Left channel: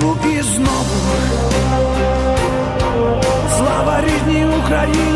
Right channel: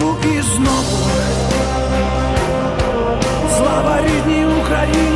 Знову і знову. Слава рідній Україні!